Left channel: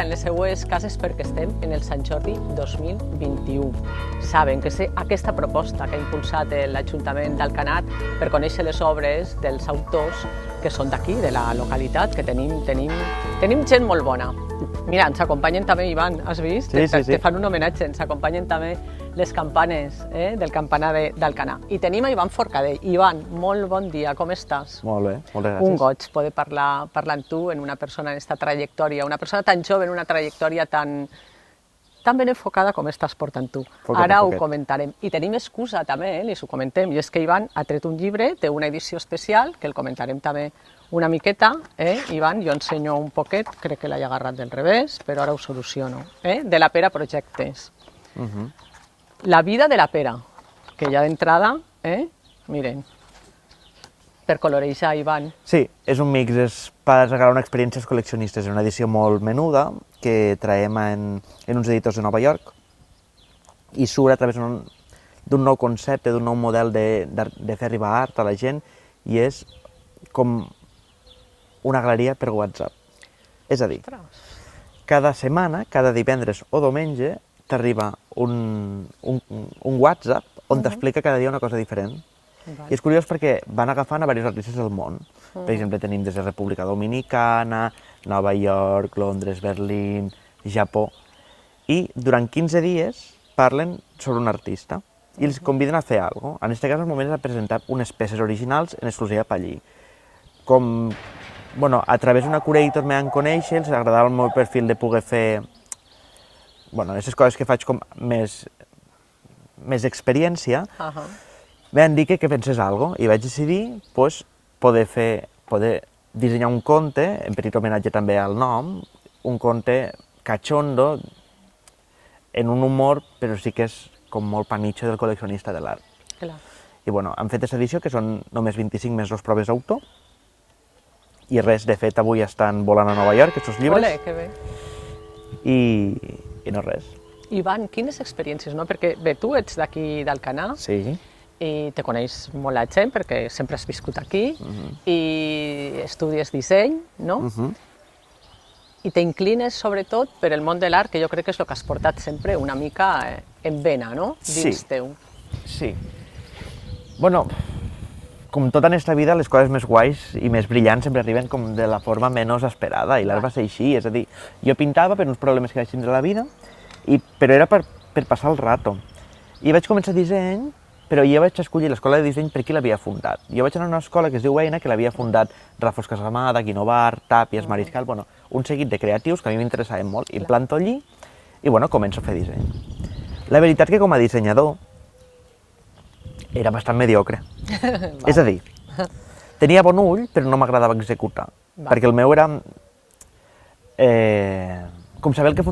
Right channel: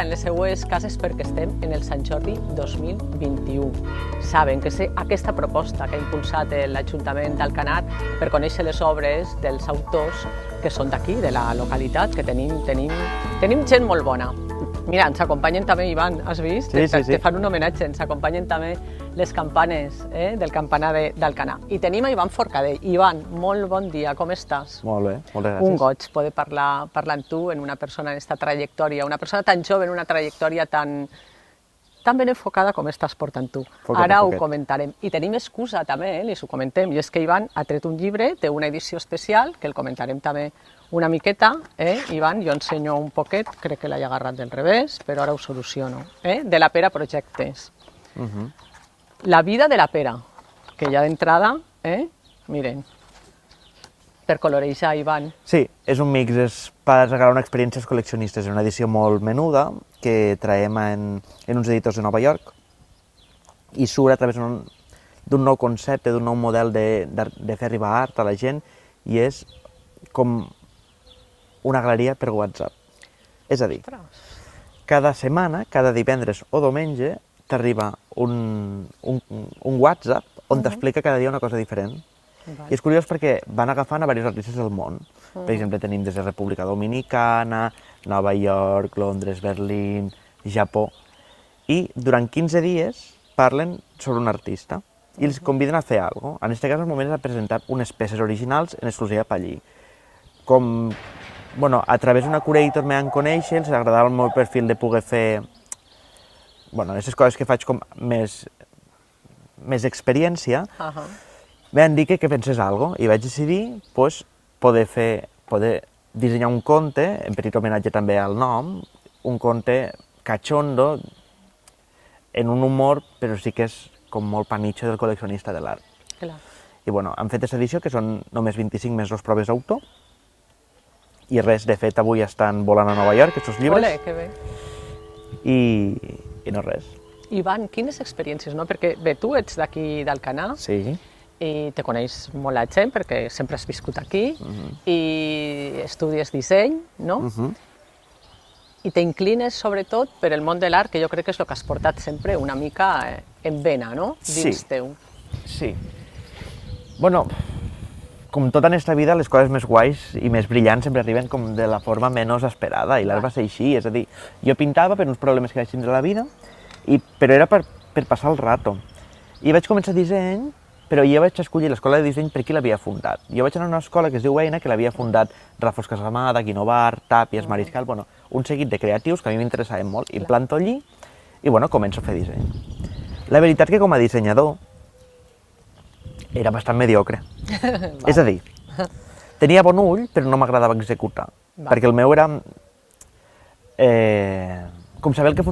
en les seues cases perquè estem en el Sant Jordi 2021. Saben que aquesta proposta que ha impulsat l'Ajuntament d'Alcanar per conèixer les obres dels autors que són d'aquí, de la localitat, que tenim gent molt bona. Mira, ens acompanyen també, Ivan, has vist? Sí. Te fan un homenatge, ens acompanyen també les campanes del campanar d'Alcanar. I tenim a Ivan Forcadell. Ivan, molt bon dia, com estàs? Molt bé, moltes gràcies. Un goig poder parlar amb tu, en una persona en aquesta trajectòria, una persona tan jove, en una trajectòria tan ben enfocada com estàs portant tu. Ara ho comentarem. I tenim excusa també, li ho comentem, i és que Ivan ha tret un llibre, té una edició especial, que el comentarem també una miqueta. Ivan, jo ensenyo un poquet, crec que l'he agarrat del revés, però ara ho soluciono. De la Pera Projectes. La vida de la pera, que ja d'entrada, miren, per colorejar, Ivan. Sí, és un mix, és per regalar una experiència als col·leccionistes. És una edició molt menuda que traiem en uns editors de Nova York i surt a través d'un nou concepte, d'un nou model de fer arribar art a la gent, i és com una galeria per WhatsApp. És a dir, cada setmana, cada divendres o diumenge, t'arriba un WhatsApp on t'explica cada dia una cosa diferent. I és curiós perquè van agafant a diversos artistes del món. Per exemple, tenim des de República Dominicana, Nova York, Londres, Berlín, Japó. I durant 15 dies parlen sobre un artista i els conviden a fer alguna cosa. En aquest cas, al moment, és a presentar unes peces originals en exclusiva per allí. Com, a través d'una curator me van conèixer, els agradava el meu perfil de poder fer aquestes coses que faig com més experiència. Me van dir que pensés alguna cosa i vaig decidir poder dissenyar un conte, en petit homenatge també al nom, un conte cachondo, en un humor, però sí que és com molt panitxo del col·leccionista de l'art. I hem fet aquesta edició, que són només 25 més 2 proves d'autor, i res, de fet, avui estan volant a Nova York, aquests llibres. Ole, que bé. I no res. Ivan, quines experiències, no? Perquè, bé, tu ets d'aquí d'Alcanar, Sí. i te coneix molt la gent, perquè sempre has viscut aquí, i estudies disseny, no? I t'inclines, sobretot, per el món de l'art, que jo crec que és el que has portat sempre una mica en vena, no? Dins teu. Sí. Com tota en esta vida, les coses més guais i més brillants sempre arriben com de la forma menys esperada, i l'art va ser així. És a dir, jo pintava per uns problemes que vaig tindre a la vida, però era per passar el rato. I vaig començar disseny, però jo vaig escollir l'escola de disseny per qui l'havia fundat. Jo vaig anar a una escola que es diu Eina, que l'havia fundat Rafos Casamada, Guinovar, Tàpies, Mariscal, un seguit de creatius que a mi m'interessaven molt. I em planto allí i, començo a fer disseny. La veritat que com a dissenyador era bastant mediocre. És a dir, tenia bon ull, però no m'agradava executar. Perquè el meu era com saber el que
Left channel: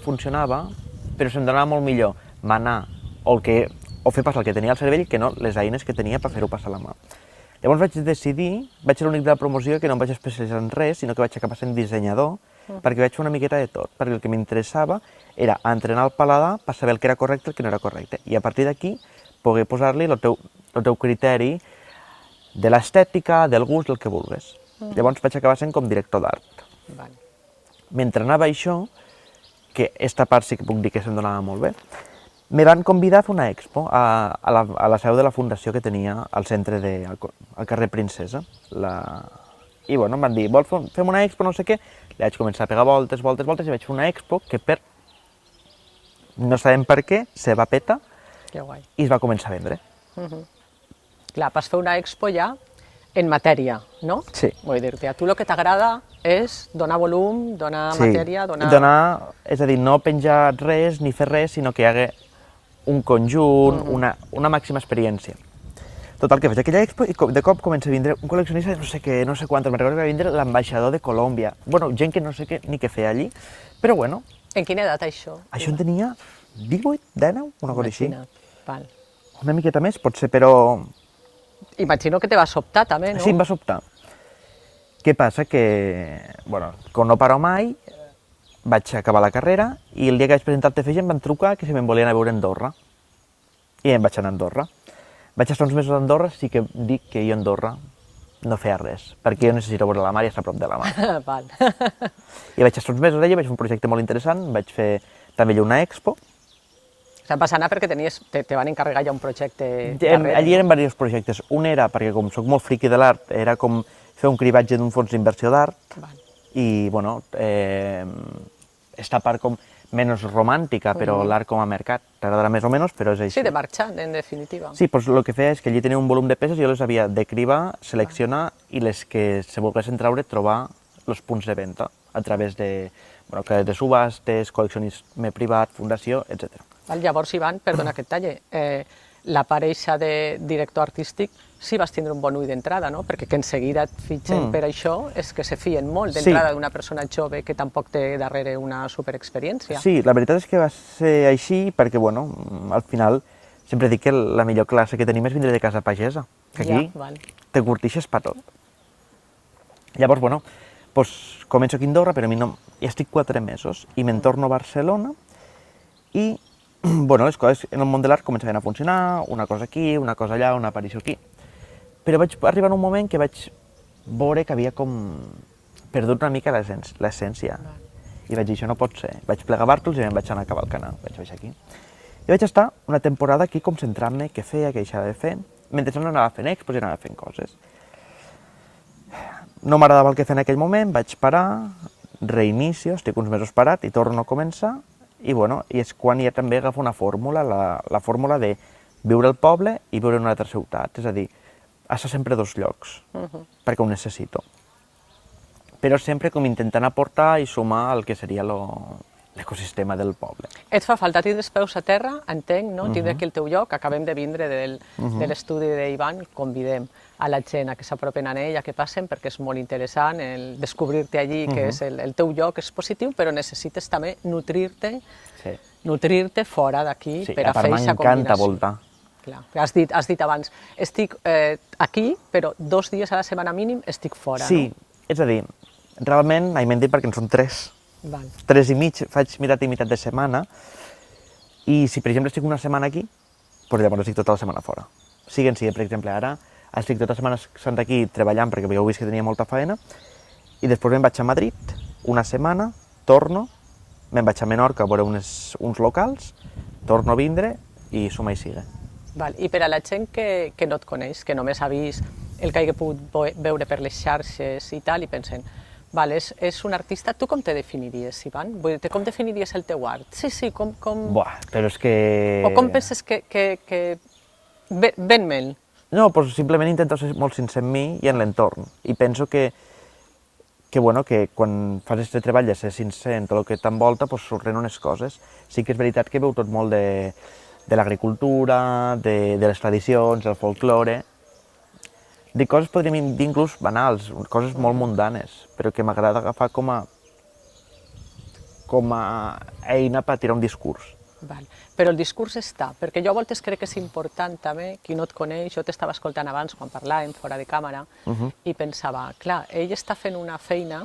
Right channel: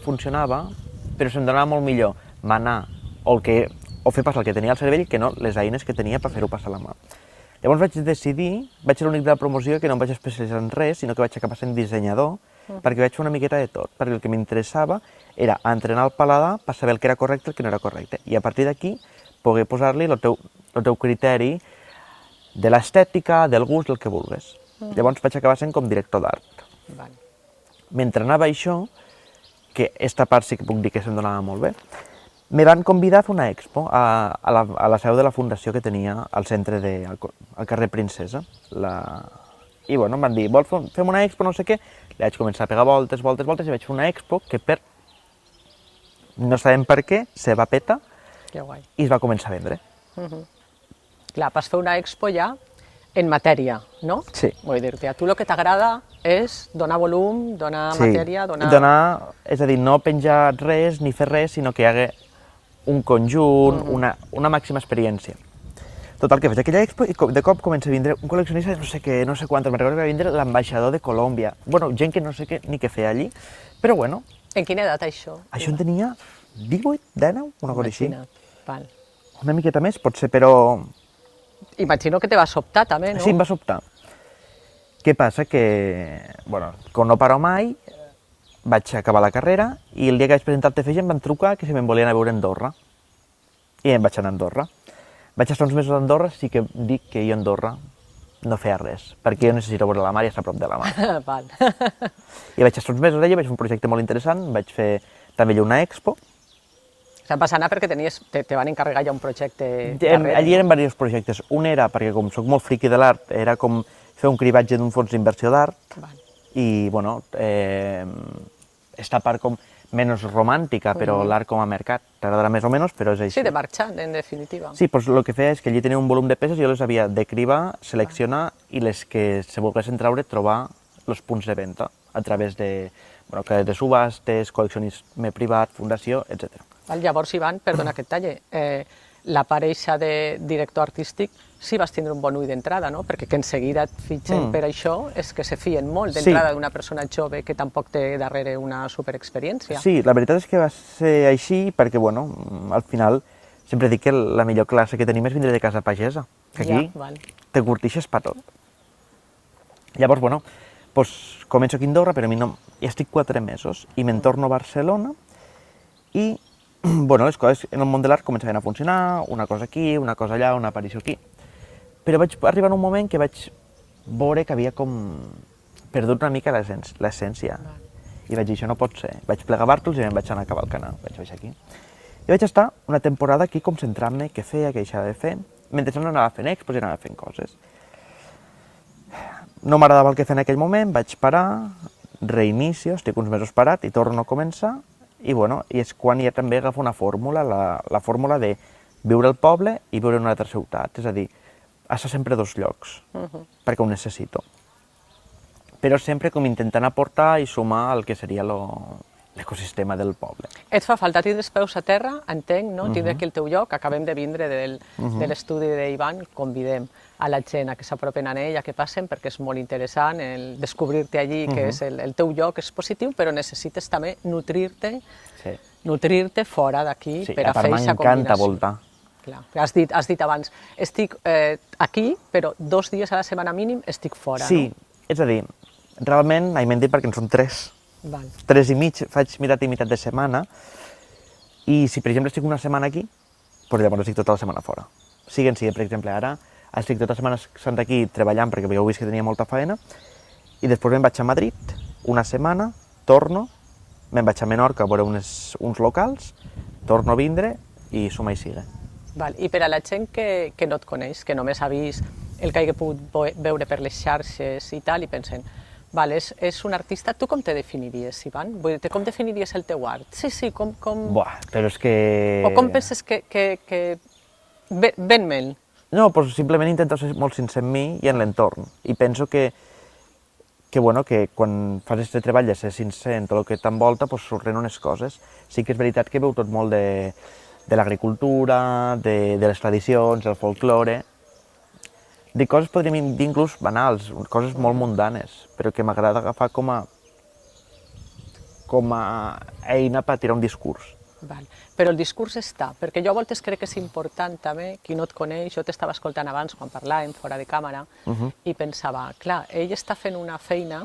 funcionava, però se'm donava molt millor manar o fer passar el que tenia al cervell que no les eines que tenia per fer-ho passar a la mà. Llavors vaig decidir, vaig ser l'únic de la promoció que no em vaig especialitzar en res, sinó que vaig acabar sent dissenyador, perquè vaig fer una miqueta de tot, perquè el que m'interessava era entrenar el paladar per saber el que era correcte i el que no era correcte, i a partir d'aquí poder posar-li el teu criteri de l'estètica, del gust, del que vulguis. Llavors vaig acabar sent com director d'art. Mentre anava això, que esta part sí que puc dir que se'm donava molt bé, me van convidar a fer una expo a la seu de la fundació que tenia al centre al carrer Princesa. I em van dir, vols fer una expo, no sé què? I vaig començar a pegar voltes, i vaig fer una expo que no sabem per què, se va petar i es va començar a vendre. Clar, vas fer una expo ja en matèria, no? Sí. Vull dir-te, a tu el que t'agrada és donar volum, donar matèria, és a dir, no penjar res ni fer res, sinó que hi hagi un conjunt, una màxima experiència. Total, que faig aquella expo i de cop comença a vindre un col·leccionista de no sé què, no sé quantos, me'n recordo que va vindre l'ambaixador de Colòmbia. Gent que no sé què ni què feia allí, però bueno. En quina edat, això? Això en tenia 18, 19, una cosa així. Val. Una miqueta més, potser, però... Imagino que te va sobtar, també, no? Sí, em va sobtar. Què passa? Que, com no paro mai, vaig acabar la carrera i el dia que vaig presentar el TFG em van trucar que si me'n volien a veure a Andorra. I em vaig anar a Andorra. Vaig estar uns mesos a Andorra, sí que dic que jo a Andorra no feia res, perquè jo necessito veure la mar i estar a prop de la mar. Val. I vaig estar uns mesos allà, vaig fer un projecte molt interessant, vaig fer també allà una expo. Se'n va anar perquè te van encarregar ja un projecte darrere. Allí eren diversos projectes. Un era, perquè com soc molt friqui de l'art, era com fer un cribatge d'un fons d'inversió d'art i, bueno, esta part com menys romàntica, però l'art com a mercat. T'agradarà més o menys, però és així. Sí, de marxar, en definitiva. Sí, doncs el que feia és que allí tenia un volum de peces i jo les havia de cribar, seleccionar i les que se volguessin treure, trobar els punts de venda a través de, bueno, de subhastes, col·leccionisme privat, fundació, etc. Llavors, Ivan, perdona que et talle, la pareixa de director artístic sí vas tindre un bon ull d'entrada, no? Perquè que en seguida et fitxen per això és que se fien molt d'entrada d'una persona jove que tampoc té darrere una superexperiència. Sí, la veritat és que va ser així perquè, bueno, al final sempre dic que la millor classe que tenim és vindre de casa pagesa, que aquí te curtixes per tot. Llavors, bueno, doncs començo aquí a Andorra, però a mi no... Ja estic 4 mesos i me'n torno a Barcelona i, bueno, les coses en el món de l'art començaven a funcionar, una cosa aquí, una cosa allà, una aparició aquí. Però vaig arribar a un moment que vaig veure que havia com perdut una mica l'essència. I vaig dir, això no pot ser. Vaig plegar bàrtols i em vaig anar a cavalcanar. Vaig baixar aquí. I vaig estar una temporada aquí com centrant-me què feia, què deixava de fer, mentre no anava fent expos i anava fent coses. No m'agradava el que feia en aquell moment, vaig parar, reinicio, estic uns mesos parat i torno a començar. I, bueno, i és quan ja també agafo una fórmula, la fórmula de viure al poble i viure en una altra ciutat. És a dir, estar sempre a 2 llocs, perquè ho necessito. Però sempre com intentant aportar i sumar el que seria l'ecosistema del poble. Et fa falta tindre els peus a terra, entenc, no? Tindre aquí el teu lloc. Acabem de vindre de l'estudi d'Ivan. Convidem a la gent a que s'apropen a ell, a que passen, perquè és molt interessant el descobrir-te allí, que és el teu lloc, és positiu, però necessites també nutrir-te fora d'aquí per a fer aquesta combinació. M'encanta voltar. Clar, has dit abans, estic aquí, però 2 dies a la setmana mínim estic fora, no? Sí, és a dir, realment, m'hem dit perquè en són 3. 3 i mig, faig meitat i meitat de setmana, i si per exemple estic una setmana aquí, doncs llavors estic tota la setmana fora. Per exemple, ara estic tota la setmana santa aquí treballant perquè heu vist que tenia molta feina, i després me'n vaig a Madrid, una setmana, torno, me'n vaig a Menorca a veure uns locals, torno a vindre i suma i sigue. I per a la gent que no et coneix, que només ha vist el que hagi pogut veure per les xarxes i tal, i pensen, és un artista, tu com te definiries, Ivan? Com definiries el teu art? Sí, com... Buah, però és que... O com penses que... Ven-me'l. No, doncs simplement intento ser molt sincer en mi i en l'entorn. I penso que quan fas aquest treball de ser sincer en tot el que t'envolta, surten unes coses. Sí que és veritat que veu tot molt de l'agricultura, de les tradicions, del folklore. Dic coses, podríem dir inclús banals, coses molt mundanes, però que m'agrada agafar com a eina per tirar un discurs. Però el discurs està, perquè jo a voltes crec que és important també, qui no et coneix, jo t'estava escoltant abans quan parlàvem fora de càmera i pensava, clar, ell està fent una feina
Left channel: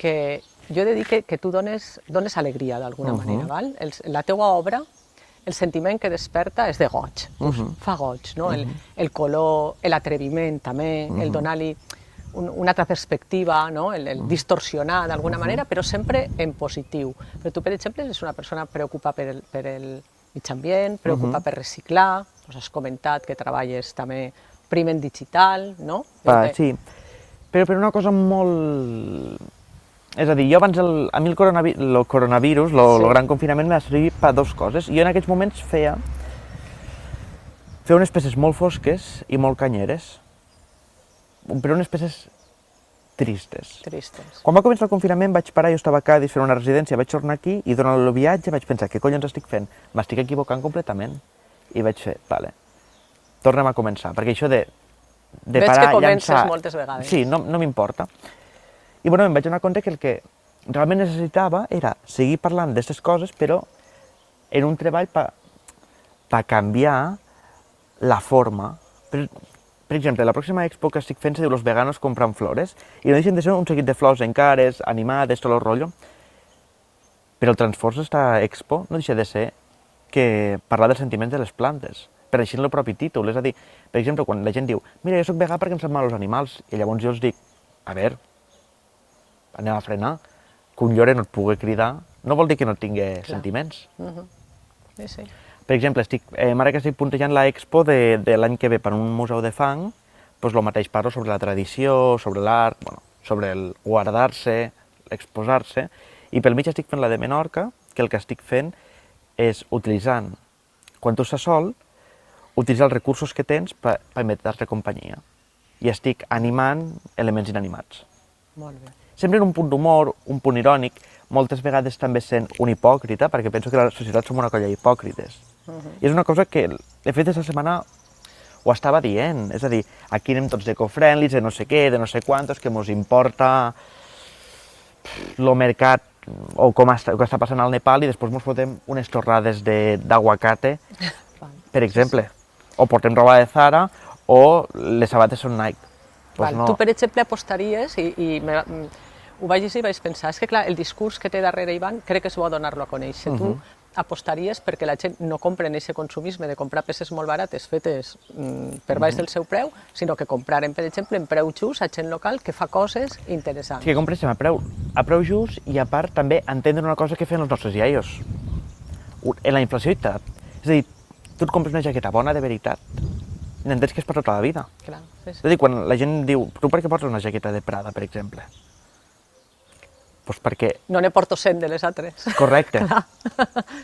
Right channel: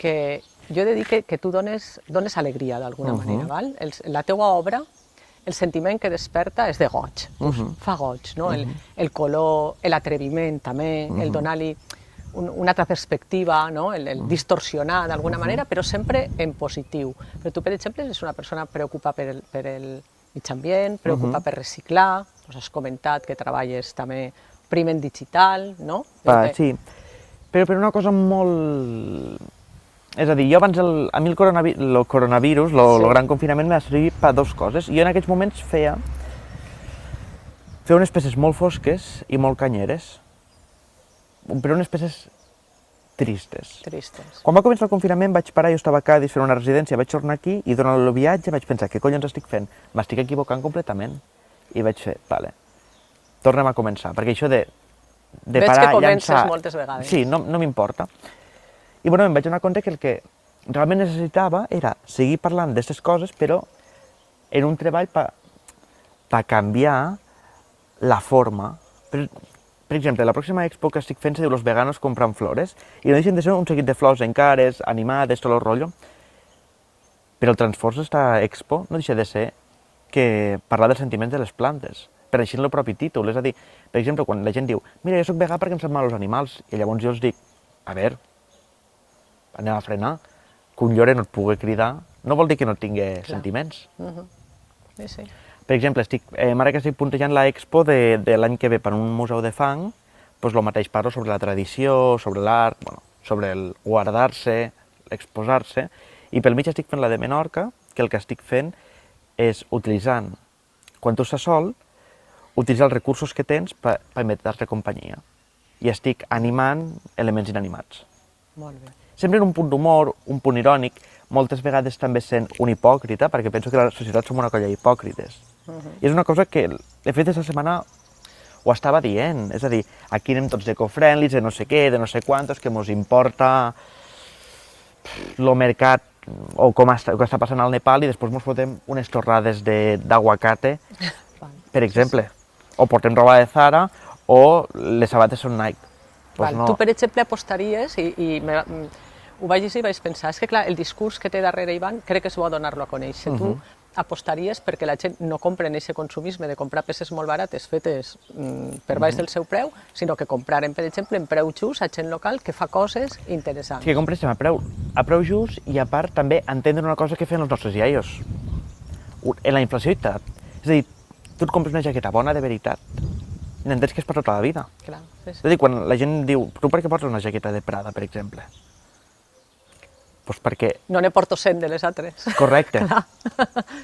que jo he de dir que tu dones alegria d'alguna manera, la teua obra, el sentiment que desperta és de goig, fa goig, no? El color, l'atreviment també, el donar-li una altra perspectiva, no? El distorsionar d'alguna manera, però sempre en positiu. Però tu, per exemple, ets una persona preocupada per el mig ambient, preocupada per reciclar, has comentat que treballes també primer en digital, no? Sí, però per una cosa molt... És a dir, jo abans, a mi el coronavirus, el gran confinament, m'ha servit per 2 coses. Jo en aquests moments feia unes peces molt fosques i molt canyeres, però unes peces tristes. Quan va començar el confinament vaig parar, jo estava a Cádiz fent una residència, vaig tornar aquí i durant el viatge vaig pensar, què collons estic fent? M'estic equivocant completament. I vaig fer, tornem a començar, perquè això de parar, llançar... Veig que comences moltes vegades. Sí, no m'importa. I em vaig donar compte que el que realment necessitava era seguir parlant d'aquestes coses, però en un treball per canviar la forma. Per exemple, la pròxima expo que estic fent se diu Los veganos compran flores, i no deixen de ser un seguit de flors encares, animades, tot el rotllo. Però el transfors d'esta expo no deixa de ser que parlar dels sentiments de les plantes. apareixent el propi títol. És a dir, per exemple, quan la gent diu mira, jo soc vegà perquè em sap mal els animals, i llavors jo els dic, a veure, anem a frenar, que un llore no et pugui cridar no vol dir que no tingui sentiments. Sí, sí. Per exemple, ara que estic puntejant l'expo de l'any que ve per un museu de fang, doncs el mateix parlo sobre la tradició, sobre l'art, bueno, sobre el guardar-se, exposar-se, i pel mig estic fent la de Menorca, que el que estic fent és utilitzant, quan tu estàs sol, utilitzar els recursos que tens per permetre companyia. I estic animant elements inanimats. Molt bé. Sempre en un punt d'humor, un punt irònic, moltes vegades també sent un hipòcrita, perquè penso que la societat som una colla d'hipòcrites. I és una cosa que, de fet, aquesta setmana ho estava dient. És a dir, aquí anem tots d'eco-friendlies, de no sé què, de no sé quantos, que mos importa el mercat o com està passant al Nepal i després mos fotem unes torrades d'aguacate, per exemple. O portem roba de Zara o les sabates són Nike. Pues no. Tu, per exemple, apostaries, i ho vaig llegir i vaig pensar, és que clar, el discurs que té darrere Ivan crec que és bo donar-lo a conèixer. Tu apostaries perquè la gent no compra en aquest consumisme de comprar peces molt barates fetes per baix del seu preu, sinó que compraren, per exemple, en preu just a gent local que fa coses interessants. Sí, que compréssim a preu just i a part també entendre una cosa que fan els nostres iaios. En la inflació i tal. És a dir, tu et compres una jaqueta bona de veritat i n'entens que és per tota la vida. Clar, sí, sí. És a dir, quan la gent diu, tu per què portes una jaqueta de Prada, per exemple? Doncs perquè... No ne porto 100 de les altres. Correcte.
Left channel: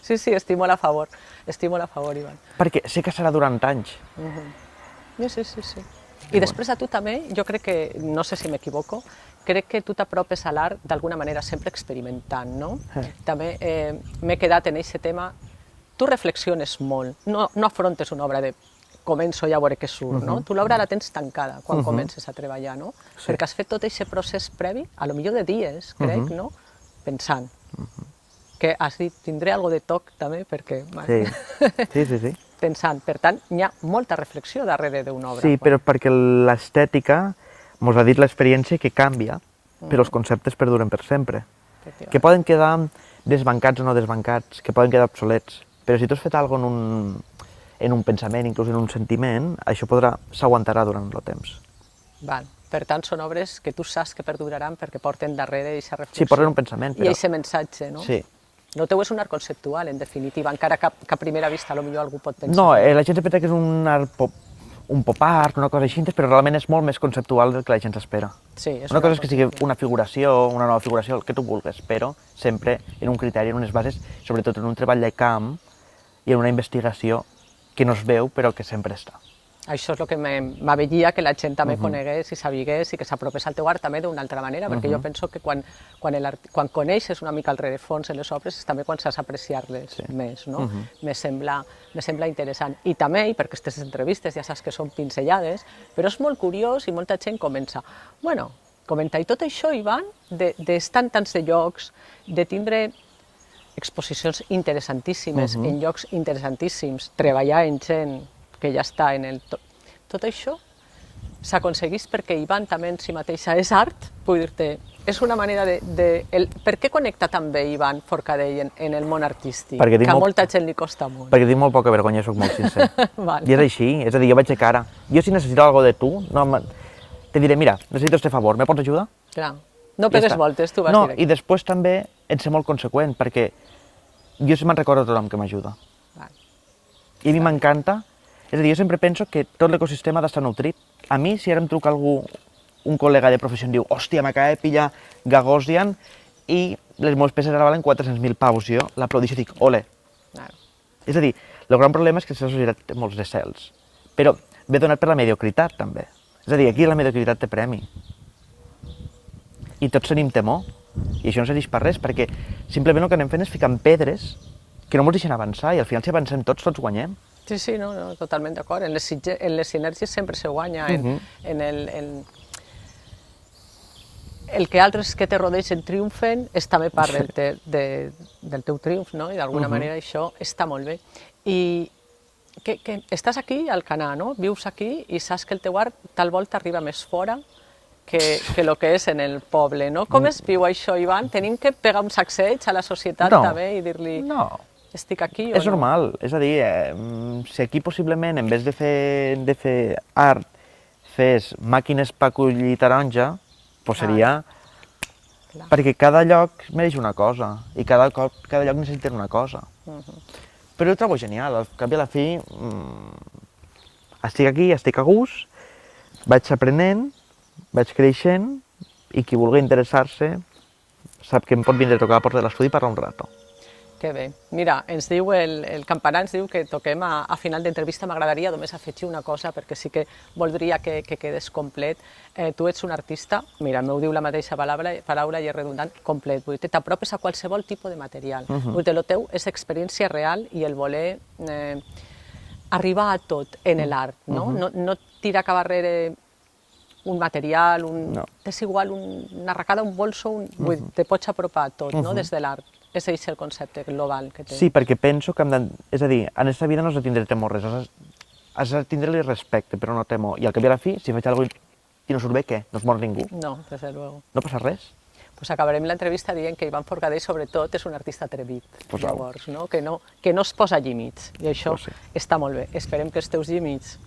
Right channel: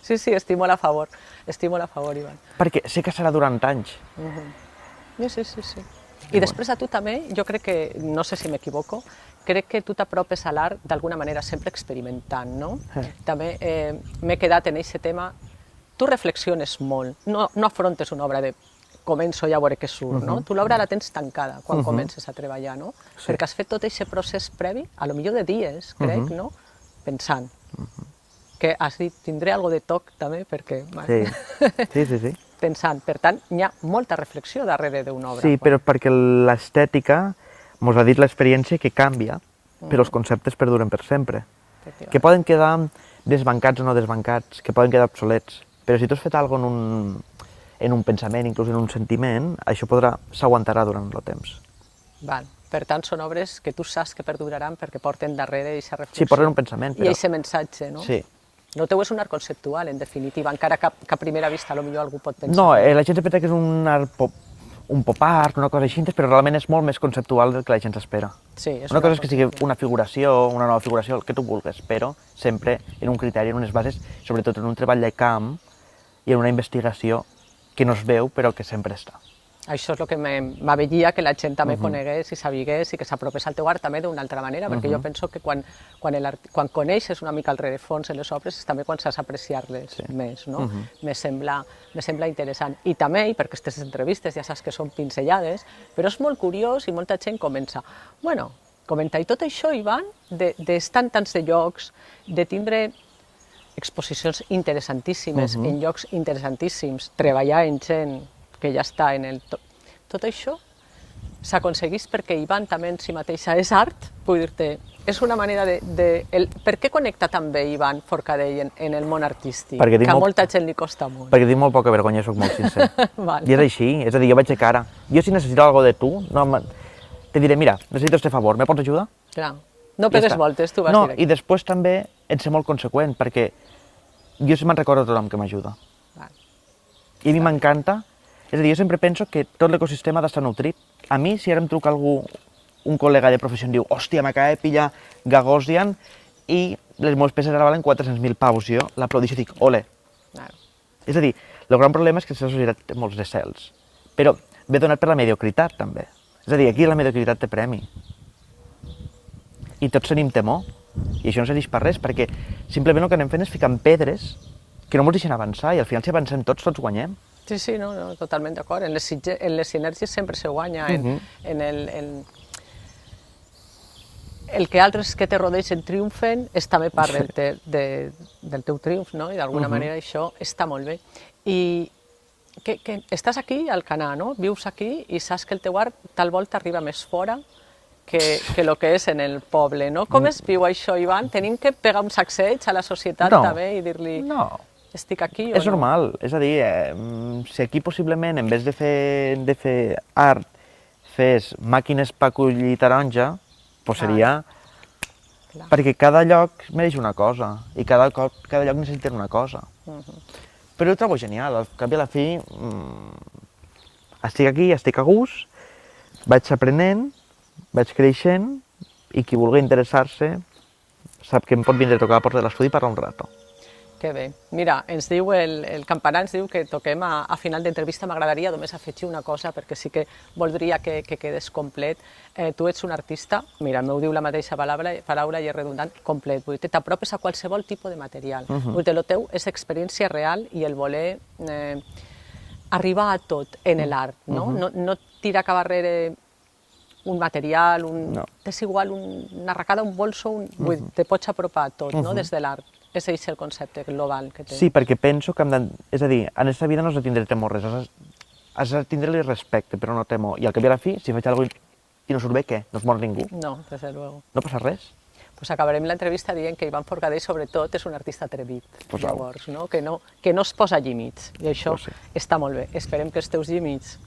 Sí, sí, estic molt a favor. Estic molt a favor, Ivan. Perquè sé que serà durant anys. Sí, sí, sí. I després a tu també, jo crec que, no sé si m'equivoco, crec que tu t'apropes a l'art d'alguna manera sempre experimentant, no? També m'he quedat en aquest tema. Tu reflexiones molt, no afrontes una obra de començo i a veure què surt, no? Tu l'obra la tens tancada quan comences a treballar, no? Perquè has fet tot aquest procés previ, a lo millor de dies, crec, no? Pensant. Que has dit, tindré algo de toc també, perquè... Sí. Pensant. Per tant, hi ha molta reflexió darrere d'una obra. Sí, però perquè l'estètica mos ha dit l'experiència que canvia, però els conceptes perduren per sempre. Que poden quedar desbancats o no desbancats, que poden quedar obsolets, però si tu has fet alguna cosa en un pensament, inclús en un sentiment, això s'aguantarà durant el temps. Val. Per tant, són obres que tu saps que perduraran perquè porten darrere aquesta reflexió. Sí, porten un pensament. I aquest missatge, no? Sí. El teu és un art conceptual, en definitiva, encara que a primera vista potser algú pot pensar. No, la gent sempre creu que és un pop art, una cosa així, però realment és molt més conceptual del que la gent s'espera. Sí, una cosa és que sigui una figuració, una nova figuració, el que tu vulguis, però sempre en un criteri, en unes bases, sobretot en un treball de camp i en una investigació que no es veu, però que sempre està. Això és el que m'avelia que la gent també conegués i sabigués i que s'apropés al teu art també d'una altra manera, perquè jo penso que quan coneixes una mica el rerefons en les obres és també quan saps apreciar-les més, no? Me sembla interessant. I també, perquè aquestes entrevistes ja saps que són pinzellades, però és molt curiós i molta gent comença, bueno, comenta, i tot això, Ivan, d'estar en tants de llocs, de tindre exposicions interessantíssimes en llocs interessantíssims, treballar en gent que ja està en el... Tot això s'aconseguís perquè Ivan també en si mateixa és art, vull dir-te, és una manera de... Per què connecta també Ivan Forcadell en el món artístic? Que a molta gent li costa molt. Perquè tinc molt poca vergonya, soc molt sincer. I és així, és a dir, jo vaig de cara. Jo si necessito alguna cosa de tu, te diré, mira, necessito este favor, me pots ajudar? Clar, no pegues voltes, tu vas dir. No, directe. i després també ets molt conseqüent, perquè jo me'n recordo tothom que m'ajuda. I a mi m'encanta. És a dir, jo sempre penso que tot l'ecosistema ha d'estar nutrit. A mi, si ara em truca algú, un col·lega de professió, em diu, hòstia, m'acaba de pillar Gagosian i les meves peces ara valen 400.000 pavos. Jo l'aplaudixo i dic, ole. És a dir, el gran problema és que la societat té molts decels. Però ve donat per la mediocritat, també. És a dir, aquí la mediocritat té premi. I tots tenim temor. I això no serveix per res, perquè simplement el que anem fent és ficant pedres que no ens deixen avançar, i al final si avancem tots guanyem. Sí, sí, no, totalment d'acord. En les sinergies sempre se guanya, en el que altres que te rodegen triomfen és també part del teu triomf, no? I d'alguna manera això està molt bé. I que estàs aquí al Canà, no? Vius aquí i saps que el teu art tal volta arriba més fora que el que és en el poble, no? Com es viu això, Ivan? Tenim que pegar un sacseig a la societat també i dir-li... estic aquí o És no? normal, és a dir, si aquí possiblement en vez de fer art fes màquines per collir taronja, doncs seria... Clar. Perquè cada lloc mereix una cosa i cada lloc necessita una cosa. Però ho trobo genial, al cap i a la fi estic aquí, estic a gust, vaig aprenent, vaig creixent i qui vulgui interessar-se sap que em pot vindre a tocar a la porta de l'estudi per un rato. Que bé. Mira, ens diu el campanar, ens diu que toquem a final d'entrevista. M'agradaria només afegir una cosa, perquè sí que voldria que quedés complet. Tu ets un artista, mira, m'ho diu la mateixa paraula i és redundant, complet. Vull dir, t'apropes a qualsevol tipus de material. Vull dir, el teu és experiència real i el voler arribar a tot en l'art, no? No tirar cap darrere un material, és igual, una arracada, un bolso, te pots apropar a tot, no? Des de l'art. És el concepte global que té. Sí, perquè penso que és a dir, en aquesta vida no has de tindre temor res, has de tindre-li respecte, però no temor. I al cap i a la fi, si faig alguna cosa i no surt bé, què? No es mor ningú? No, desde luego. No passa res? Pues acabarem l'entrevista dient que Ivan Forcadell, sobretot, és un artista atrevit. Pues llavors, no? Que no es posa límits. I això està molt bé. Esperem que els teus límits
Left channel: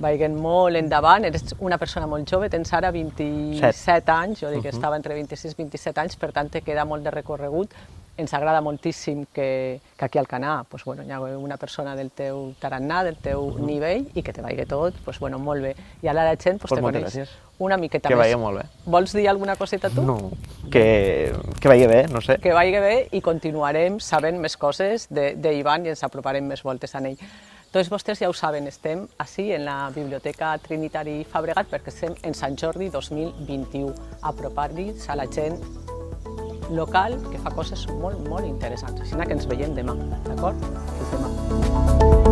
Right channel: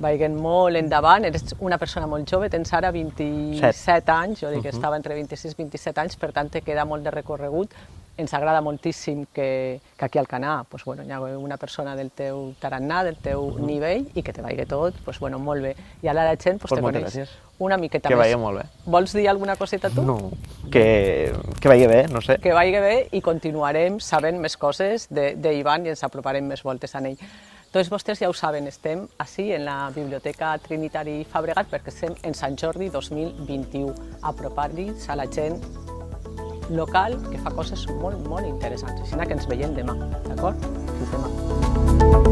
vagin molt endavant. Eres una persona molt jove, tens ara 27 anys, jo dic que estava entre 26 i 27 anys, per tant, te queda molt de recorregut. Ens agrada moltíssim que aquí al Canà hi ha una persona del teu tarannà, del teu nivell, i que te vagi tot molt bé. I ara la gent te coneix una miqueta més. Que vagi molt bé. Vols dir alguna coseta tu? No, que vagi bé, no sé. Que vagi bé i continuarem sabent més coses d'Ivan i ens aproparem més voltes a ell. Tots vostès ja ho saben, estem així en la Biblioteca Trinitari Fabregat perquè estem en Sant Jordi 2021. Apropar-nos a la gent local que fa coses molt, molt interessants. Així que ens veiem demà, d'acord? Fins demà.